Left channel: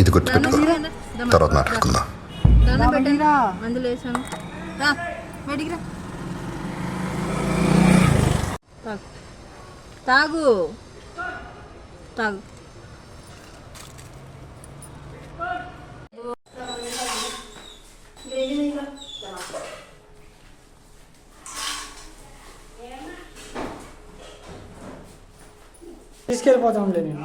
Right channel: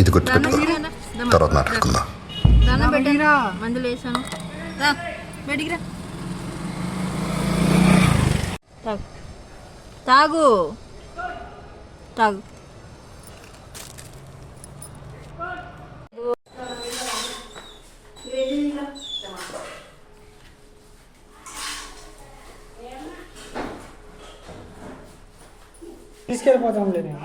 ఇది గుర్తుపెట్టుకో. తర్వాత మాట్లాడుకుందాం. తాగు. తాగు. తీసుకెళ్ళిపోతాంలే నేను.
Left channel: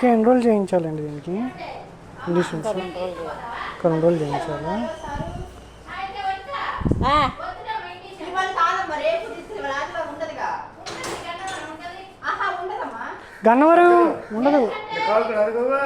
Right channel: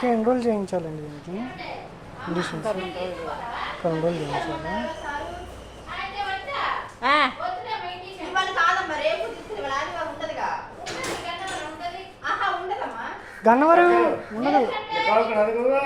ఇంకా ఎన్ని రోజులు చేయించాలండి దీనికి. రెండు రోజులు చేయించాలా. ఆ, ఇవాళ కాదమ్మా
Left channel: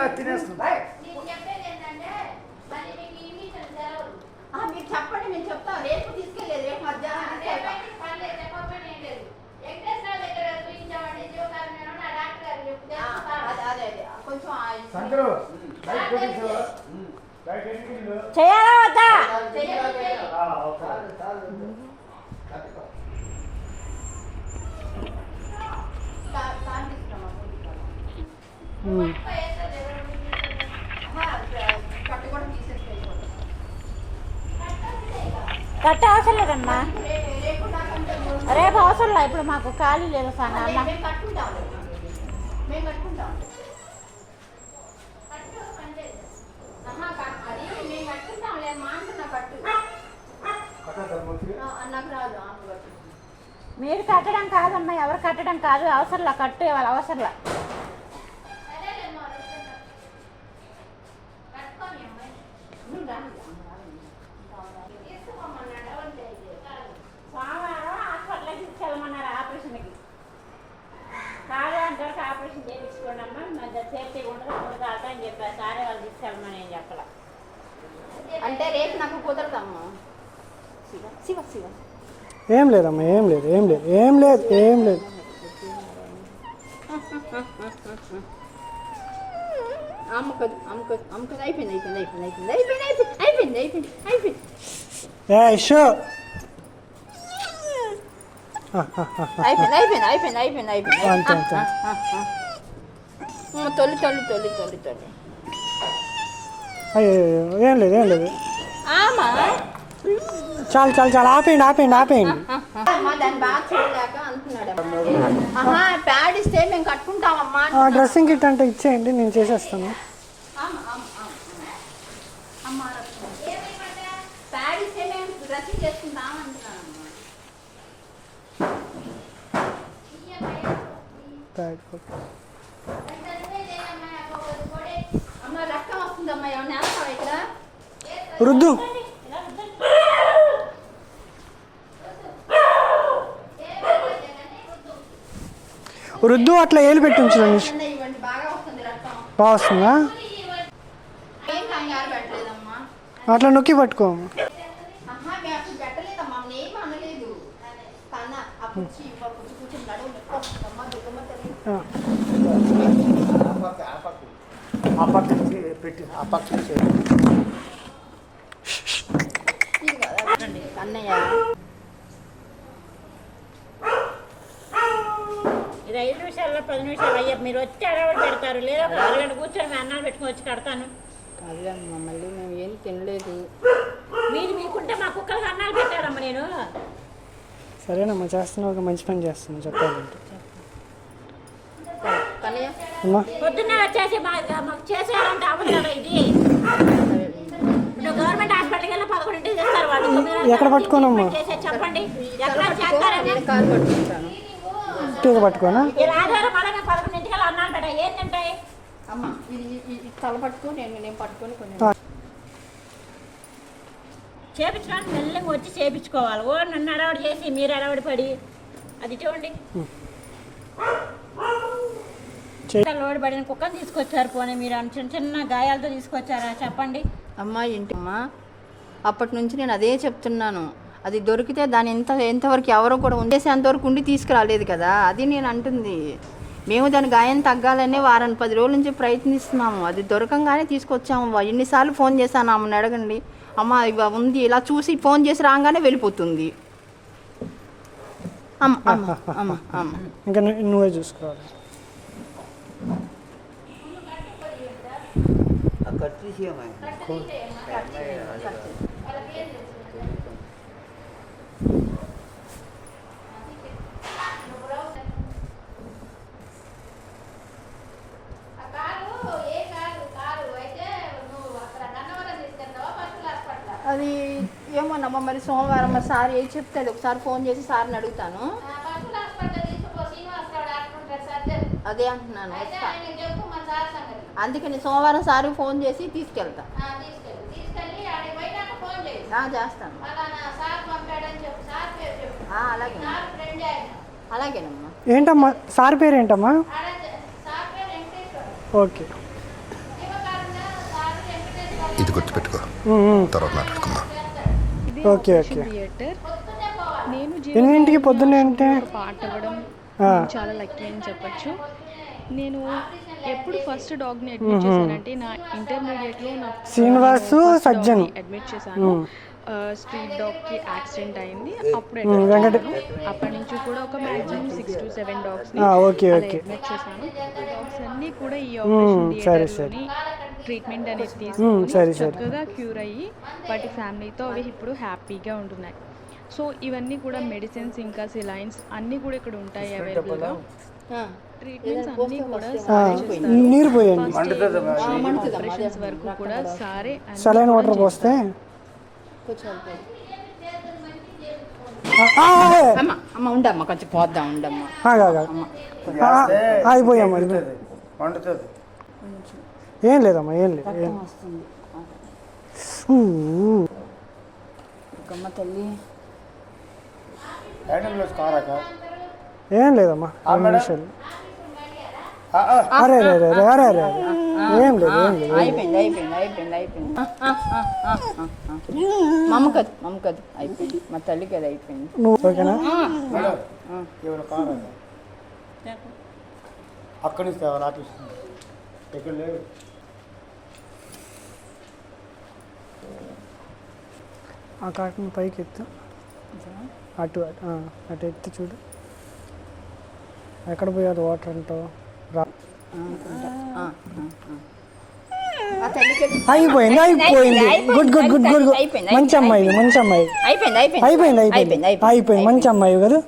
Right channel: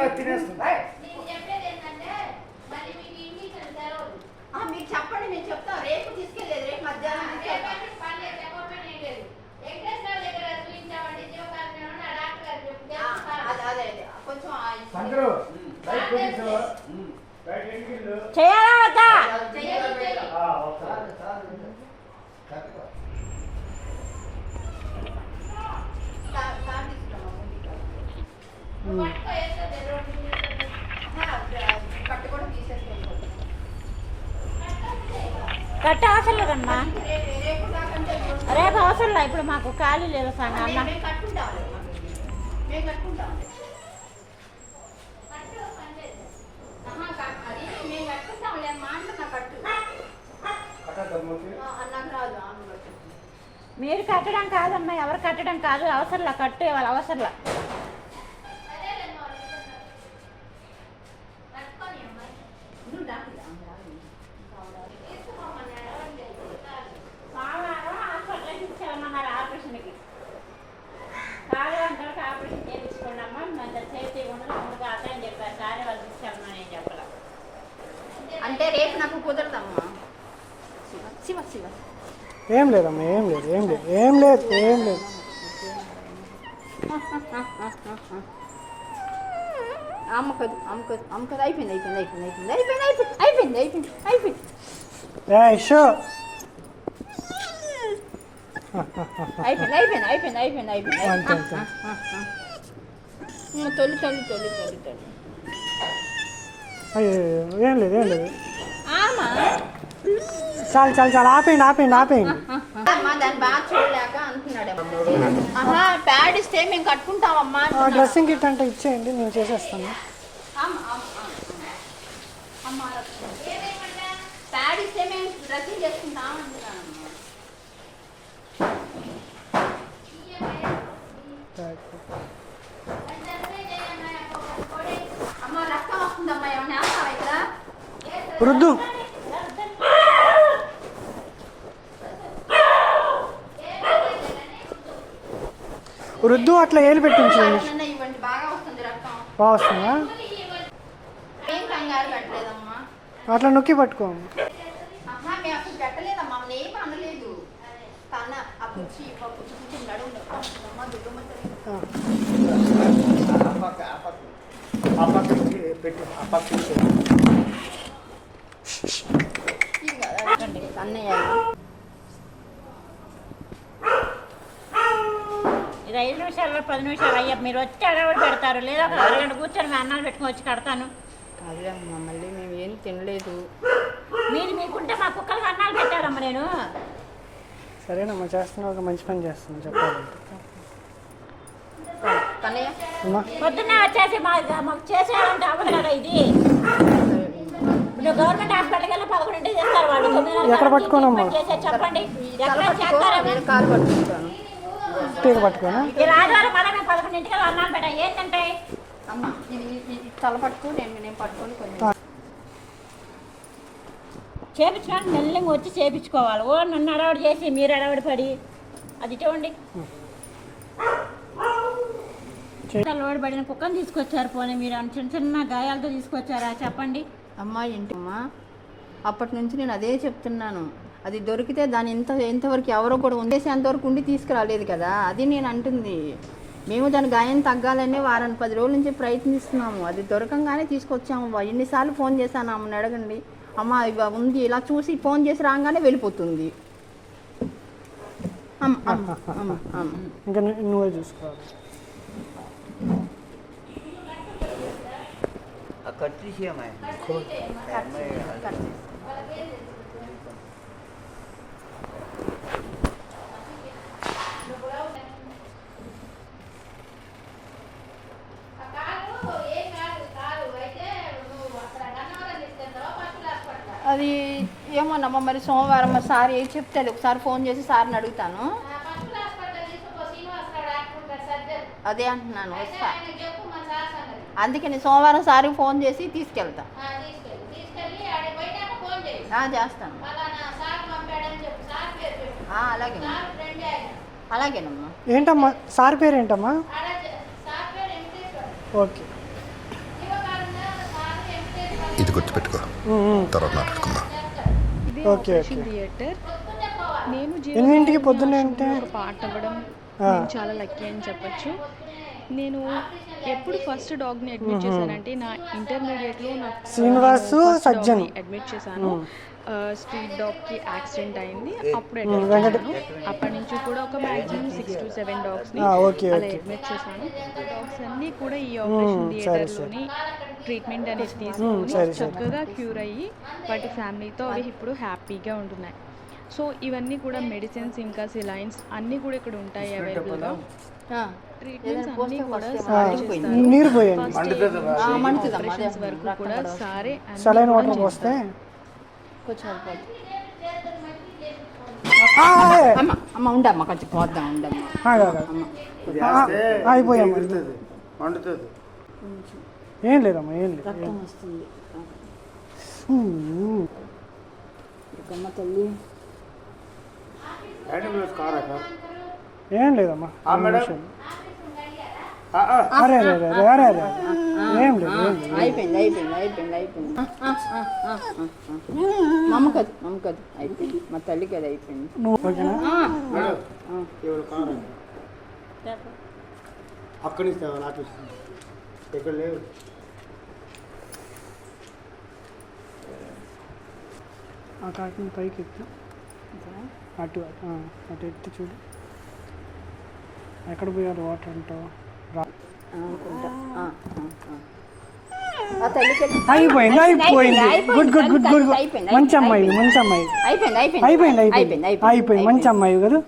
కట్ట అవసరం లేదమ్మా రేపు అవసరం లేదు ఇప్పుడు మాకు ఖాళీ లేదు సార్ అన్న మీరు కట్టడం కాదమ్మా ఎవరు కట్టడం కాదు. అవసరంలా కట్టు వాళ్ళ అవసరంలా. కాదు అంటారు ఆపరేషన్ చేయించుకోండి అమ్మా మంచి సేఫ్టీ ఉండదు ఉండదు అని చెప్పారు సారే వాళ్ళు తీసుకెళ్ళమని నేను చెప్పలే అంటే రేపు నాకు కుదరదమ్మా శివ ఏం లేదమ్మా ఏం లేదు ఏం లేదు ఏం లేదు ఏం లేదు అమ్మకదు అమ్మకదు అమ్మకదు అయిపోయింది అయిపోయింది అయిపోయింది అయిపోయింది అయిపోయింది అయిపోయింది అయిపోయింది అయిపోయింది అయిపోయింది అయిపోయింది అయిపోయింది అయిపోయింది అయిపోయింది తొలి తొలి తొలి తొలి తొలి అయ్యో ఏం లేదు ఏం లేదు. చాలు చాలు చాలు ఆపేయండి ఆపేయండి ఆపేయండి. అమ్మా దాన్ని బాగా చూడలేక అంటున్నాడు ఆహా ప్యాడ్ ఇస్తే మేము కట్టుకుంటామమ్మా. డ్రెస్సింగ్ కిట్ అంటే ఇచ్చేయండి నేను చేసేస్తాను. ప్యాడ్ ఇస్తే మేము డ్రెస్సింగ్ చేసుకుంటాం అంటున్నానమ్మా అమ్మ రక్తం వస్తుందమ్మా ఏమన్నా వేస్తావా ఇక్కడ? రుద్దు రుద్దు అట్లా ఏలు చిన్న ఇవ్వండి బాగా వస్తుంది రక్తం. బాగా వస్తుందా? ఏం కంగారు పెట్టలేదమ్మా. అట్లా నొక్కి పట్టుకో. మేము పెట్టలేదమ్మా అమ్మ ఏం అనలేదు. కన్నా ఆ పుచ్చి ఆ పుచ్చి పుచ్చి నడువు అమ్మ దుర్గమ్మ తల్లి. అన్నయ్య ఇది ఐదు నిమిషాల్లో పది నిమిషాలు అయ్యా. మీరు వచ్చి అడగబడి పెడతారు. లేదా ఒక అరగంట కూర్చొని మీ అన్నాలు పెట్టుకొని వచ్చి కడతాను. అదే అమ్మా మళ్ళీ మేము ఏం తినలేదు. మీరు మీకుంటే మా కుక్కలకి అన్నాలు పెట్టాలమ్మ నేను. సరేనమ్మా చేస్తున్నావు ఒక మంచి పని చేస్తున్నావు చెప్పాలంటే. కన్నయ్య పొద్దున్నే వచ్చేసి మా మాకు చేసేయాలంటే అవ్వదు కదా ఇది. ఇప్పుడు గవర్నమెంట్ హాస్పిటల్కి వెళ్ళి పదకొండింటికి చేస్తారు వాళ్ళు. తొమ్మిది ఎక్కడ పట్టుకోనమ్మా? చేసే చెప్పండి. ఎక్కడ చేస్తారని? కాలు పట్టుకుంటాను. పట్టుకోనా? ఈ ఆదివారం మళ్ళీ మేము పదకొండింటికి వెళ్ళి అన్నాను బేట ఏంటంటే? అమ్మ ఇది ఇది ఇది తల పట్టుకో నేను నేను పట్టుకొని కొంచెం చేపించుకోండి మెల్లగా వచ్చి చేపించుకోవాలి. ఓ నన్ను అడవాడు చేసి మీరు అడవాడు పడి. అది చూడండి. అలవాటు పడిన కుక్కను తీసుకొచ్చారు పోనీ మీరు చిన్న చిన్న గాయాలతో తీసుకొచ్చారా? చెప్పండి. అమ్మ ఏంటమ్మా అప్పటి నుంచి నేను అదే చెప్తున్నాను. అది దొరికితే దాని ఎంత ఎంతవరకు ఎవరో కూడా ఉండేసేంతవరకు ఉండి తీసుకురాలేదు కదా? అది నేను అంటుంది. మేము దాని గాయం తగ్గాలనే వారాన్ని పది రోజుల నుంచి ప్రయత్నిస్తున్నాము. అది దొరకంగానే తీసుకొచ్చాము ఎన్నిసార్లు ఫోన్ చేశాను ఆమెను అడగండి. అమ్మ ఇవ ఉంది. ఇలా చూసి ఫోన్ చేసి రాగానే వెళ్ళిపోతుంది. అమ్మ అమ్మ అమ్మ అమ్మ. ఇంకా నువ్వే చూసుకోవాలి. అది ఏమోనమ్మా మరి సోమవారం మరి సార్ ఏం చెప్తాడు? ఒకసారి ఫోన్ చేసి సార్ని అడుగుతాను. అదే అంటున్నాను. అందుకని సోమవారం సార్ ఫోన్ చేసి తీసుకెళ్తా. ఆ, చేస్తాను. ఆ, అలాగే. అలాగేనమ్మా. ఏంటమ్మా? సార్ పేరు ఏంటమ్మా ఓకే. ఇది గుర్తుపెట్టుకో. తర్వాత మాట్లాడుకుందాం. ఇదే ఓకే. థియేటర్ నేను ఎన్నింటికి జీవకారుణ్య పొద్దున్నే అంటే? పార్ట్ అవ్వడం. నేను చాలా లక్కీ అని చెప్పొచ్చు. నేను ఎప్పుడు ఫస్ట్ డాగ్ని అడ్మిట్ చేశానంటే నా ఇంటర్మీడియట్లో నా శ్రీనివాసు సజ్జన్. అడ్మిట్ చేశాను. స్ట్రీట్ డాగ్కి యాక్సిడెంట్ అయింది. అప్పుడు అడ్మిట్ చేశాను. అప్పటి నుంచి కూడా ఒక మాక్సిమం సిక్స్ టు సెవెన్ డాగ్స్ని అలా. అడ్మిట్ చేశాను. డాగ్స్ అన్నీ కూడా ఈ ఆపరేషన్ థియేటర్లోని ట్రీట్మెంట్ అనేది తీసుకొని. చక్కగా క్యూర్ అయ్యి వాటి ఫ్యామిలీతో అవి ఇప్పుడు హ్యాపీగా ఉంటున్నాయి. సో ఇవన్నీ కూడా మెడిసిన్స్ ఇంకా సిలైన్స్ అన్నీ కూడా ఇక్కడ ఉంటాయి అవైలబుల్గా. ట్రీట్మెంట్స్ అన్నీ కూడా సారే. చేస్తారు. ఫస్ట్ ఆపరేషన్స్ వరకు కూడా సారే అన్నీ కూడా చేస్తారు. కొంచెం. అమ్మ అమ్మ ఉండమ్మ పోద్దాం ఉండమ్మ. అయిపోయామ్మా వండుతుంది. ఏం లేదమ్మా ఏం లేదు. వస్తుంది. గమ్మ తల్లి. ఏం లేదమ్మా అరే అరే అరే అరే అరే అరే ఏం లేదు ఏం లేదు అయిపోయింది అయిపోయింది అయిపోయింది అయిపోయింది. మమ్మకది మమ్మకది అయిపోయింది. మా తల్లికి అది అయిపోయింది. నువ్వు ఓకేనా? అక్కడి నుంచి నుంచి. ఇక్కడ లేవు. ఆ కాటన్ పైకి ఎత్తు అటు అటు, ఎత్తి చూడు. ఎక్కడ పోయాలి వాటర్ అంటావు? రా. అయిపోయింది అయిపోయింది. గుడ్ గుడ్ గుడ్ గుడ్ మంచి అమ్మాయి మంచి అమ్మాయి. అయిపోయింది అయిపోయింది. అయిపోయింది మంచి అమ్మాయి కదా.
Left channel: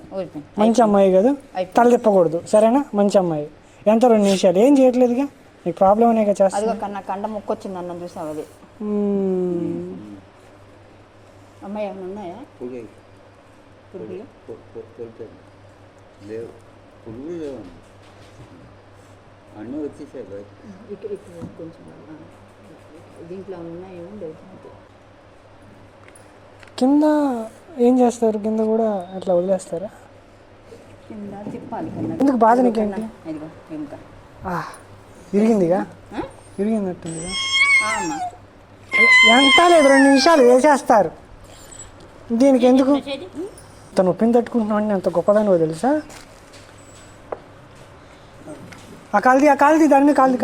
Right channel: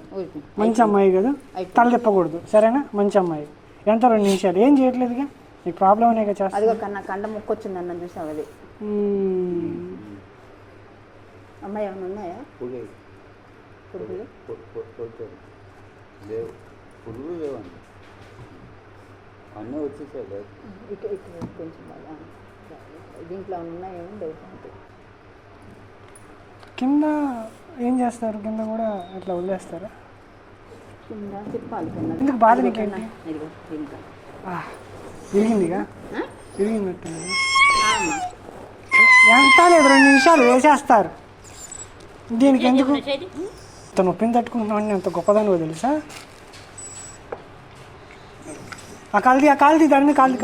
మంచి అమ్మాయి కదా. తల తిప్పకూడదు. సరేనా? మంచి అమ్మాయి. ఎంత రెండు నిమిషాలు? ఏం చేయట్లేదుగా నీకు ప్రాబ్లం అనేగా చేస్తా? అదిగో కన్నా కండ ముక్కొచ్చింది అన్న చూసావు అది? అమ్మాయి ఏమైనా ఉన్నాయా? పురుగులు తోలుతాను లేవు. పురుగులు లేవండి. అన్నీ వచ్చేసాయి బయట. ఇటు ఇటు కొంచెం దీంట్లో ఉన్నాయేమో డౌట్ కింద ఏం చేస్తారు? కింద కూడా అట్లా వదిలేస్తారా? కింద తిప్పాలి. ఎందుకు బాధ నీకేంటి? ఇదిగో ఇంకా? ఆ, అమ్మా. ఎంత లేదు రెండు నిమిషాలు వేసేస్తారు. దీనికి ఎందుకు? ఇంత నొప్పిని తట్టుకుంటున్నాను అంత గొప్పదానివో తెలుసా? ఆ కాలిది ఆ కాలిది దాని మీద కాలిది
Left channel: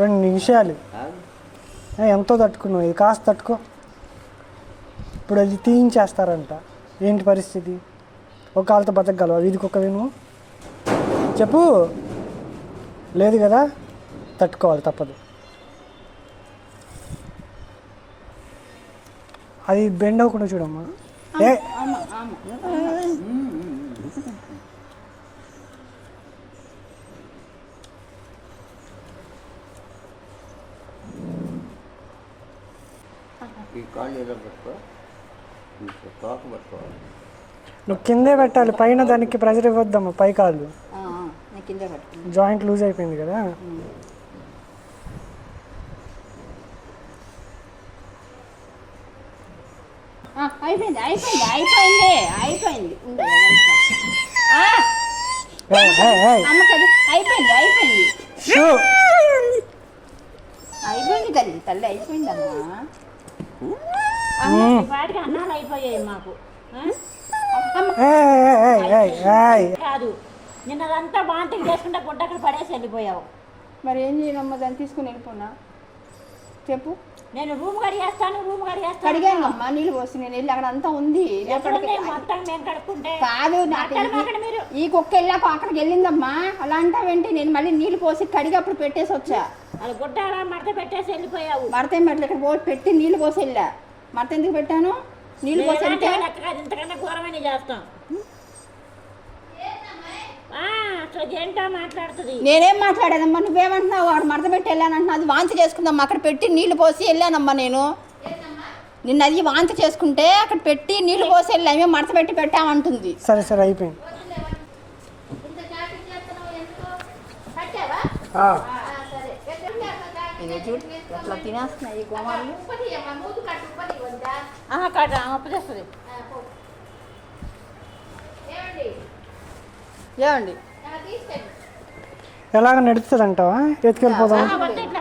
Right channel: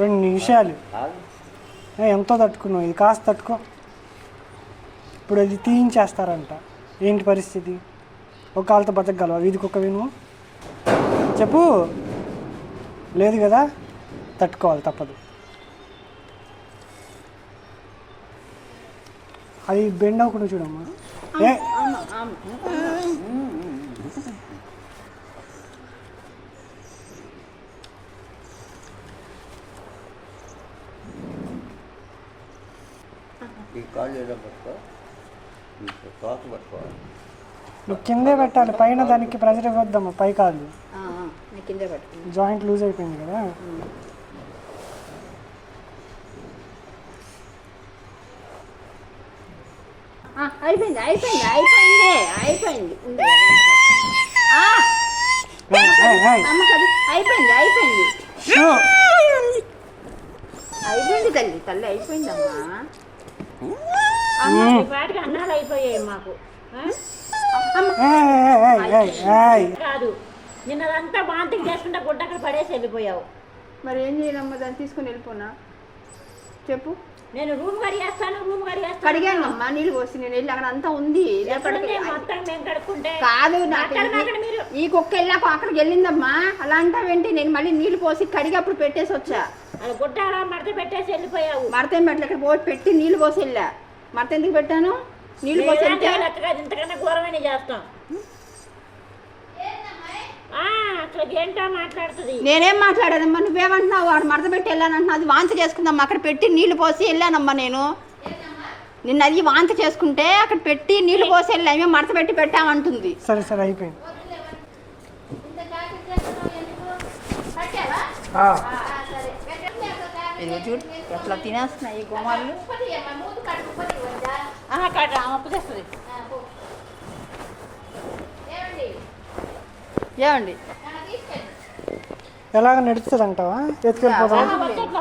రెండు నిమిషాలు. ఎంతో తట్టుకున్నావు. ఇది కాస్త తట్టుకో. ఇప్పుడు అది తీయించేస్తారంట. ఏంటి పరిస్థితి? ఒక కాలుతో బతకగలవా? వీధికి ఒక విను చెప్పు. లేదు కదా? తట్టుకోవాలి తప్పదు. అది బెండ్ అవ్వకుండా చూడమ్మా. ఈ కాళ్ళు ఏదో పట్టుకో. తోక నువ్వు కిందే పెట్టాలి పైన దానికి ప్రెజర్ ఇవ్వద్దమ్మా పై కాదు జాయింట్ లూజ్ అయిపోయింది కదా ఆ, అయిపోయింది అయిపోయింది అయిపోయింది అయిపోయింది. అయిపోయింది అయిపోయింది. అయిపోయింది తల్లి తల్లి అయిపోయిందమ్మా. ఈ పాటికి అన్నాలు అయిపోయాయి మాకు. కాదు నిన్నదంతా వాంతింగ్ చేసుకుంటే గుడ్డ అక్కడ పడేసి వెళ్ళిపోయావు. మరి ఏం చేయనమ్మా? దాన్ని తీసుకుని వెళ్ళిపోనా? చెప్పు. నేను రూమ్ కడిగేస్తాను రూమ్ కడిగేస్తాను కడిగానమ్మా నీళ్ళు పోసి నేను వెళ్ళి అక్కడ అంతా ఉంది. మొత్తం మేము కడుక్కుంటే. కాదు నాకు మీరు ఈ కుక్క వెళ్ళాక అక్కడికి వెళ్ళిందమ్మా. అలా అంటావేంటి నేను మళ్ళీ నీళ్ళు పోసి కడిగి అప్పుడు పెట్టేసి వచ్చా? అది గుడ్డ అలా మడత పెట్టేసి వెళ్ళిపోయావు. మడతేం పెట్టలే ఇక్కడ పోసి పెట్టి నీళ్ళు పోసి వెళ్ళా. మడత ఎందుకు పెట్టాను? నీళ్ళు పోసి ఇంతకన్నా ఘోరమైన చేస్తాం ఆ, అసలు ఏంటో మాట్లాడుతుంది నేనేం మాట్లాడేదమ్మా నువ్వేమంటున్నావు? వాడు మడత పెట్టి వెళ్ళానంటున్నా. అది వాంతి చేసుకుందమ్మా. అక్కడ పెట్టి నీళ్ళు పోసి వెళ్ళానమ్మా నేను. నిన్న అది వాంతి చేసుకుంటే అక్కడ పెట్టి నీళ్ళు పోసి వెళ్ళామే మడత పెట్టి పెట్టామంటుంది. సరే సరే అయిపోయింది. ఆ, ఇది చూడు ఎట్లా తినేస్తున్నాయి గోమాలు అప్పు చేస్తుంది. ఏమండి? ఎలాగ ఎత్తుకెళ్ళిపోదాం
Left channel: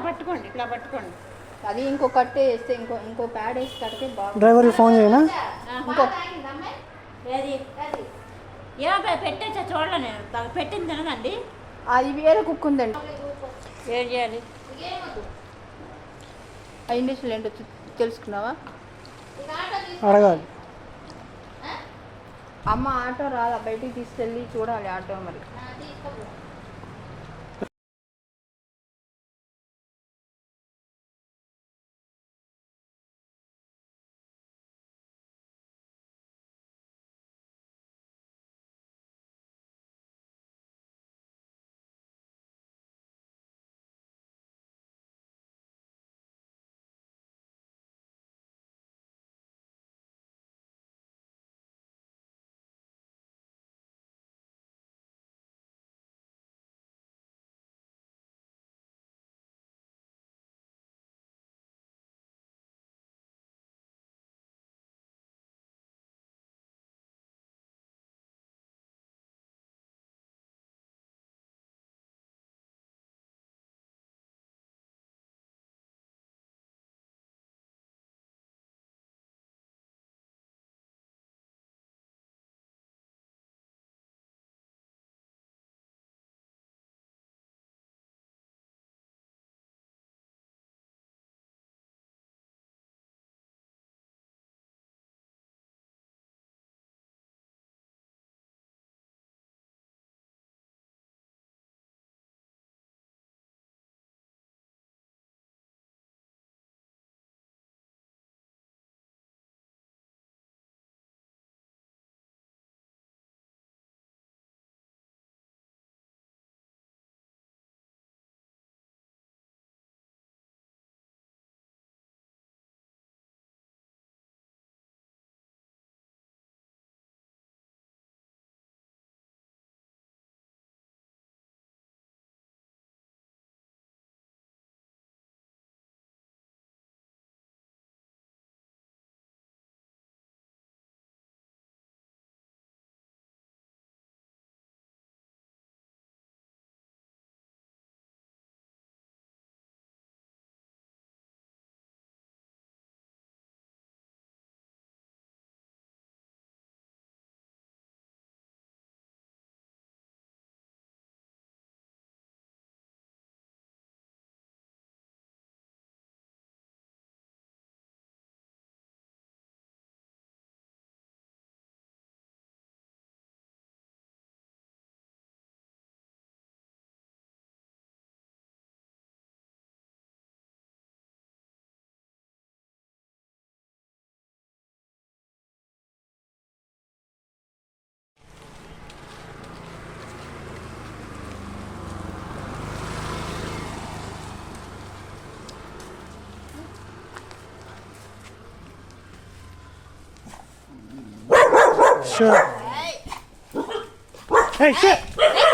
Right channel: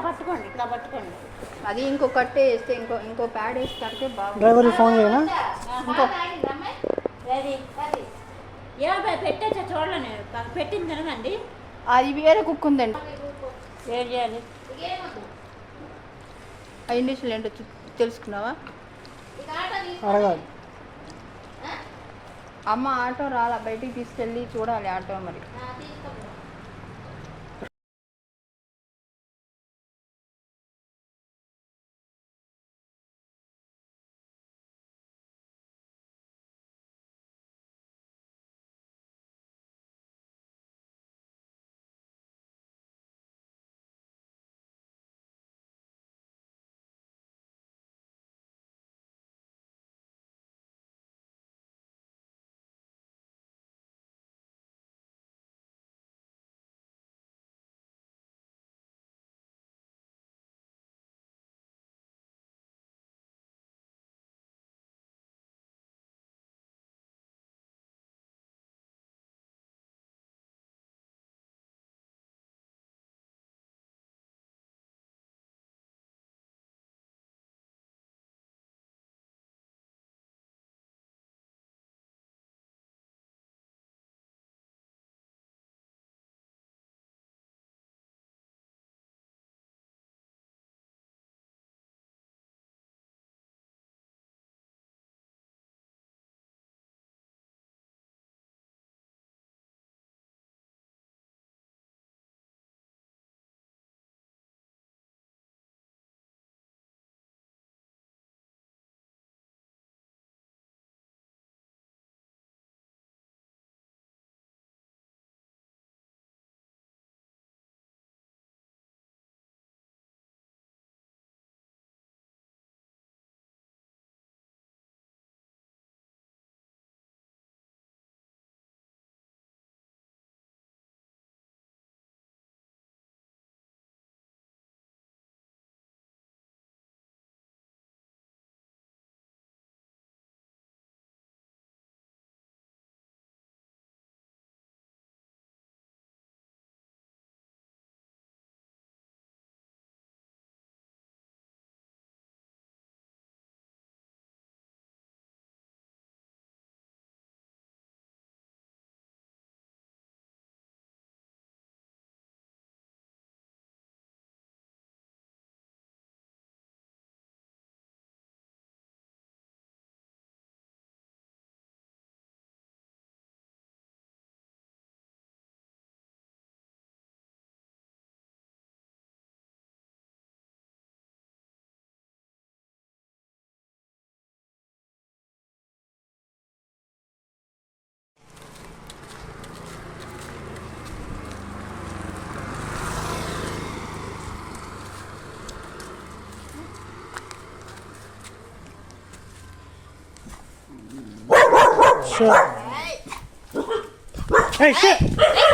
పట్టుకోండి. ఇట్లా పట్టుకోండి. అది ఇంకో కట్టే వేస్తే ఇంకో ఇంకో ప్యాడ్ వేసి కడితే బాగుంది డ్రైవర్కి ఫోన్ చేయనా? ఇంకో. ఏమో పెట్టేచ్చా చూడలే నేను. పెట్టింది తినదండి. అది వేరే కుక్క ఉందండి ఏం చేయాలి? ఆ ఇండిషన్ ఏంటో తెలుసుకున్నావా? అడగాలి. అమ్మ ఆటో రాలా బయటికి తీసుకెళ్ళి చూడాలి ఆటో మరి. shut. Hey, shut.